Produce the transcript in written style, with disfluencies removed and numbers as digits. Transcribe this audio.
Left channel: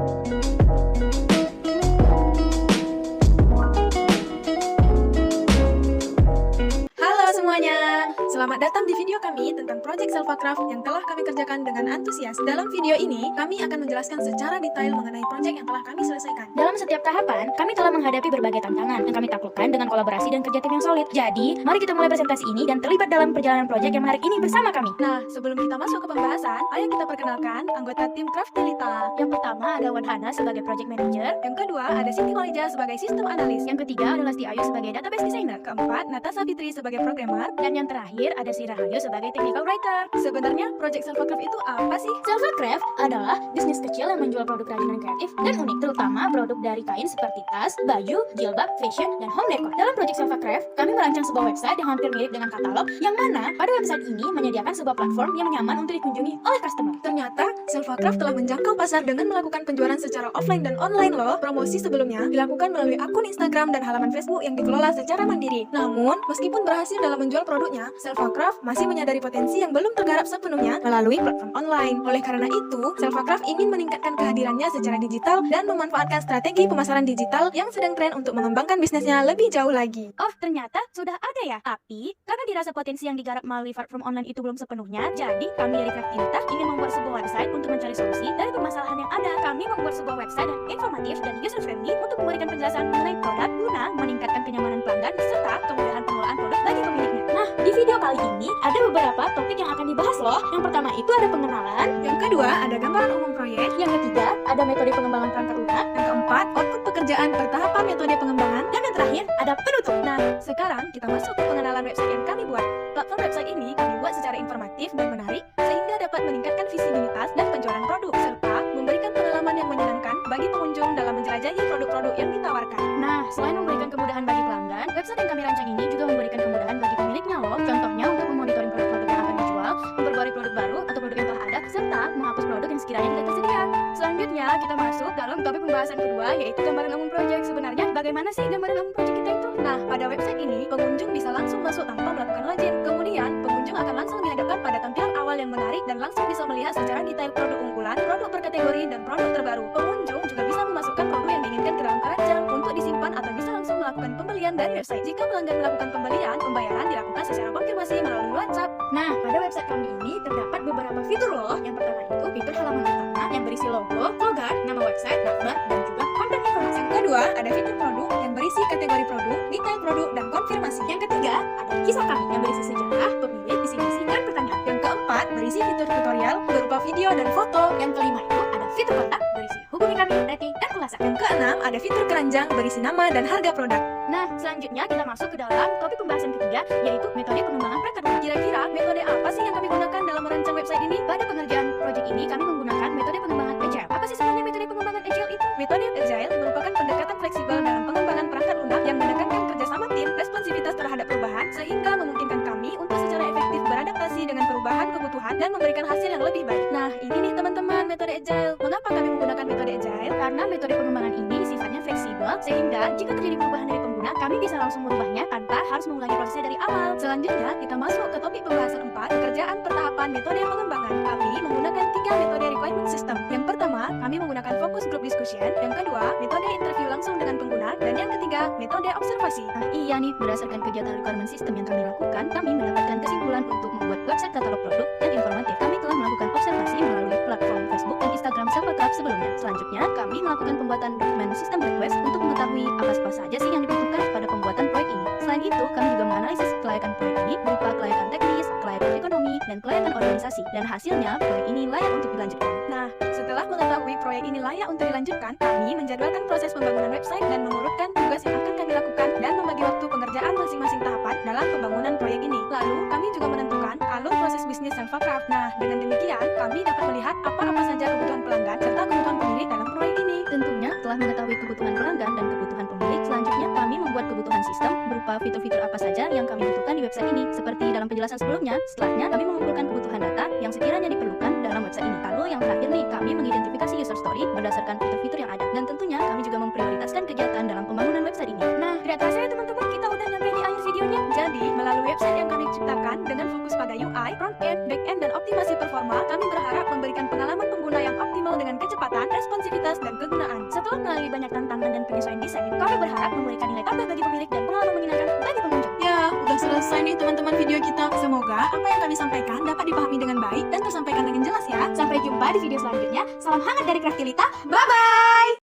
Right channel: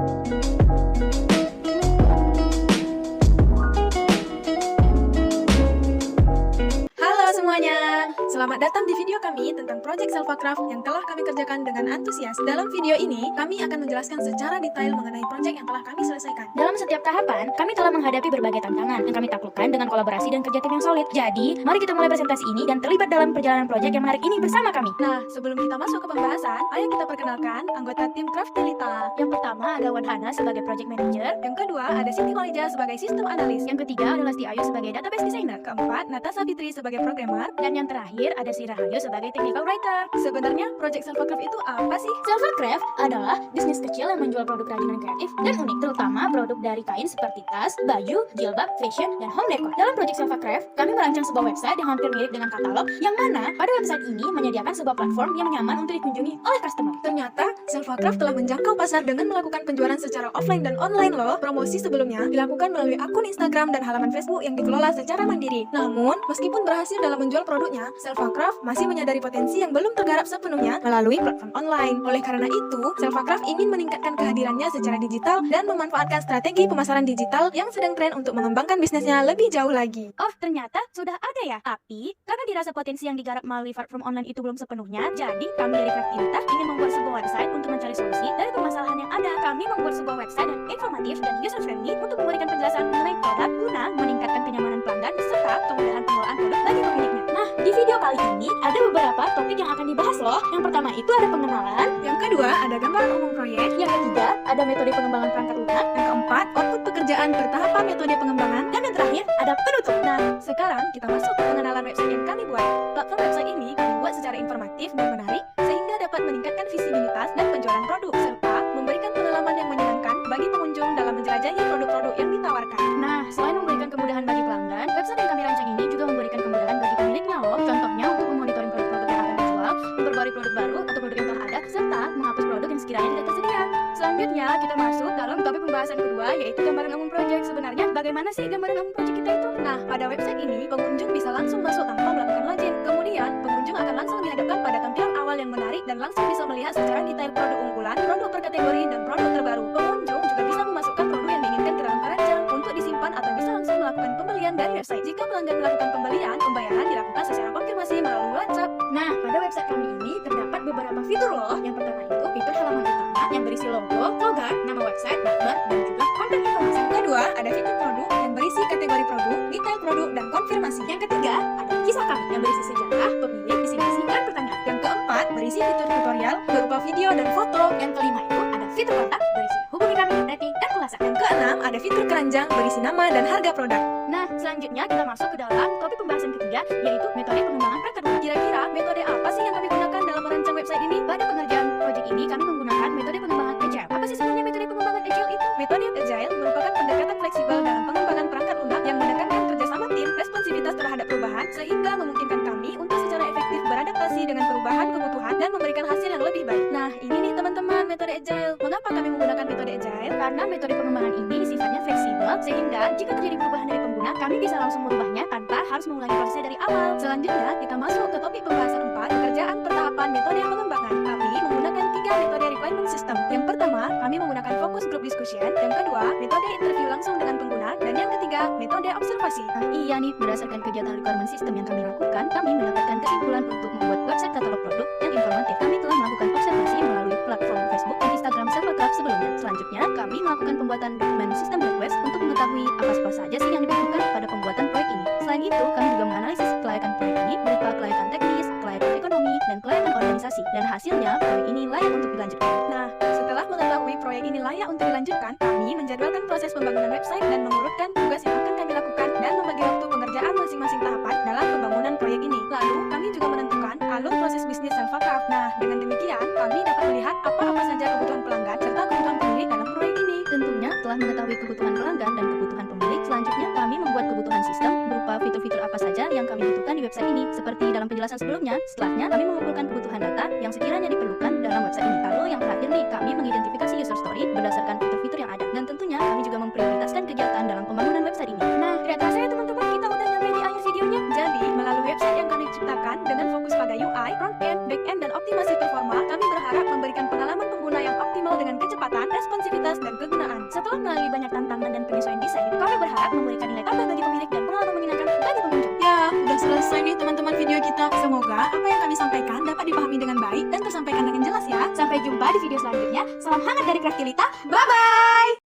Halo semuanya, selamat datang di video kami tentang Project Selvacraft yang telah kami kerjakan dengan antusias. Dalam video ini, kami akan menjelaskan secara detail mengenai proyek yang telah kami selesaikan. Dalam setiap tahapan, kami telah menghadapi berbagai tantangan yang kami taklukkan dengan kolaborasi dan kerja tim yang solid. Jadi, mari kita mulai presentasi ini dan terlibat dalam perjalanan proyek yang menarik ini bersama kami. Nah, sebelum kita masuk ke pembahasan, ayo kita perkenalkan anggota tim Craftilita. Yang pertama ada Wan Hana sebagai project manager. Yang kedua, ada Siti Walija sebagai sistem analis. Yang ketiga adalah Sti Ayu sebagai database designer. Keempat, Natasha Fitri sebagai programmer. Dan yang terakhir ada Si Rahayu sebagai technical writer. Sebenarnya, Project Selvacraft itu apa sih? Selvacraft adalah bisnis kecil yang menjual produk kerajinan kreatif dan unik, terutama produk dari kain seperti tas, baju, jilbab, fashion, dan home decor. Dalam Project Selvacraft, kami merancang sebuah website yang hampir mirip dengan katalog, yang mana pada website ini menyediakan sebuah platform yang nyaman untuk dikunjungi oleh customer. Ternyata, Selvacraft telah menjangkau pasar dengan melakukan penjualan secara offline dan online loh. Promosi sebelumnya dilakukan melalui akun Instagram dan halaman Facebook yang dikelola secara mandiri. Namun, meskipun berhasil dalam menjual produknya, Selvacraft masih menyadari potensi yang belum tergarap sepenuhnya melalui platform online. Oleh karena itu, Selvacraft ingin meningkatkan kehadirannya secara digital dan memanfaatkan strategi pemasaran digital yang sedang tren untuk mengembangkan bisnisnya lebih jauh lagi. Oh, ternyata sudah ada ya. Tapi, karena dirasa potensi yang digarap melalui platform online itu belum sepenuhnya, jadi kami dari Craftilita ingin membuat sebuah website untuk mencari solusi dari permasalahan yang ada. Kami membuat sebuah website yang informatif dan user-friendly untuk memberikan penjelasan mengenai produk guna meningkatkan kenyamanan pelanggan serta kemudahan pengelolaan produk bagi pemiliknya. Nah, di video kali ini ada beberapa topik yang akan dibahas loh. Yang pertama itu ada pengenalan. Yang kedua, ada gambaran umum proyek. Yang ketiga, ada metode pengembangan perangkat lunak. Yang keempat, output pekerjaan bertahapan metode pengembangan. Dan yang terakhir, ada penutup. Nah, sekarang kita masuk ke pengenalan website yang kami buat. Platform website ini kami buat secara informatif dan menarik, sehingga dapat meningkatkan visibilitas dan penjualan produk, serta memberikan pengalaman yang menyenangkan bagi pengunjung dalam menjelajahi produk-produk yang ditawarkan. Nah, selain memberikan kemudahan bagi pelanggan, website yang kami rancang ini juga memberikan kemudahan bagi pemiliknya loh. Contohnya untuk memonitoring produk-produk yang akan dijual, memperbarui produk baru atau produk yang telah ada, serta menghapus produk yang sekiranya tidak tersedia. Selanjutnya, kita masuk dalam topik pembahasan kedua, yaitu gambaran umum project. Sebenarnya, bagaimana sih gambaran umum project kita itu? Nah, pada website ini, pengunjung bisa langsung masuk tanpa melakukan login. Kemudian, pengunjung akan langsung dihadapkan pada tampilan awal yang menarik dan langsung bisa melihat secara detail produk unggulan, produk per kategori, dan produk terbaru. Pengunjung juga bisa memasukkan produk yang diinginkan ke dalam keranjang untuk disimpan atau bisa langsung melakukan pembelian dari website. Jika pelanggan melakukan pembelian, pembayaran dilakukan secara konfirmasi melalui WhatsApp. Nah, pada website kami ini terdapat beberapa fitur loh. Yang pertama itu fitur halaman utama yang berisi logo, slogan, nama website, daftar, dan juga konten informasi. Yang kedua, ada fitur produk yang berisi kategori produk, detail produk, dan konfirmasi. Yang ketiga, ada kisah kami yang berisi sejarah, pemilik, visi misi, dan pertanyaan. Yang keempat, berisi fitur tutorial berupa video dan foto. Yang kelima itu ada fitur kontak berisi hubungi kami, rating, dan ulasan. Yang keenam, ada fitur keranjang berisi nama dan harga produk. Nah, selanjutnya kita masuk ke dalam topik pembahasan ketiga, yaitu metode pengembangan perangkat lunak. Kira-kira metode apa sih yang kami gunakan dalam merancang website ini? Pada pengerjaan proyek ini, kami menggunakan metode pengembangan agile. Apa sih sebenarnya metode pengembangan agile itu? Metode agile merupakan pendekatan fleksibel dalam pengembangan perangkat lunak yang menekankan kerjasama tim, responsivitas terhadap perubahan, sehingga memungkinkan kami untuk secara efektif beradaptasi dengan perubahan kebutuhan dan memberikan hasil yang lebih baik. Nah, ini nih teman-teman metode agile. Mengapa kami menggunakan metode agile? Karena metode pengembangan ini sifatnya fleksibel, sehingga jika terjadi perubahan dari pengguna, kami bisa langsung merubahnya tanpa harus mengulangi prosesnya dari awal. Selanjutnya, kita masuk ke topik pembahasan 4, pekerjaan pertahapan metode pengembangan. Kami menggunakan 3 metode requirement system. Yang pertama, kami menggunakan focus group discussion. Yang kedua, metode interview langsung dengan pengguna. Dan yang ketiga, metode observasi. Nah, iya nih, berdasarkan kegiatan requirement system yang kami lakukan, kami mendapatkan kesimpulan untuk membuat website katalog produk yang informatif. Kami telah melakukan observasi melalui platform Facebook dan Instagram Selvacraft sebelumnya. Selanjutnya, kami melakukan pembuatan dokumen sistem request untuk mengetahui apa saja sih yang dibutuhkan pada pembuatan proyek ini. Selain itu, kami juga menganalisis kelayakan proyek ini berupa kelayakan teknis, kelayakan ekonomi, dan kelayakan organisasi. Dan hasilnya, proyek ini layak untuk dilanjutkan. Nah, setelah mengetahui proyek ini layak untuk dilanjutkan, kami menjadwalkan proses pembangunan website dan mengurutkan tugas yang akan kami lakukan dan membagi waktu pengerjaan masing-masing tahapan dalam pembangunan proyek ini. Lalu, kami juga menentukan alur proses bisnis Selvacraft. Nah, dengan demikian, kami dapat melihat apa-apa saja kebutuhan pelanggan serta kebutuhan pemilik dalam proyek ini. Tentunya telah mengetahui kebutuhan pelanggan dan kebutuhan pemilik, selanjutnya kami membuat kebutuhan sistem berupa fitur-fitur apa saja yang kami butuhkan di website ini. Seperti dalam penjelasan sebelumnya, setelahnya kami mengumpulkan kebutuhan data yang sekiranya diperlukan dalam website ini. Lalu yang terakhir nih, kami mengidentifikasi user story berdasarkan fitur-fitur yang ada. Dan tentunya kami juga memprioritaskan kegiatan dalam pembangunan website ini. Nah, tidak terasa ya teman-teman, kita udah nyampe di akhir videonya. Jadi, melalui website yang kami ciptakan dengan fokus pada UI, front end, back end, dan optimasi performa, kami berharap memberikan pengalaman pengguna yang optimal dengan kecepatan, responsivitas, dan kegunaan. Setelah melalui banyak tantangan dan penyesuaian desain, kami berharap memberikan nilai tambah bagi pemilik dan pengalaman menyenangkan bagi pengunjung. Ya, udah selesai nih teman-teman video kita. Semoga apa yang kami sampaikan dapat dipahami dengan baik dan tersampaikan dengan jelas ya. Sampai jumpa di video selanjutnya. Salam hangat dari Craftilita. Bye-bye!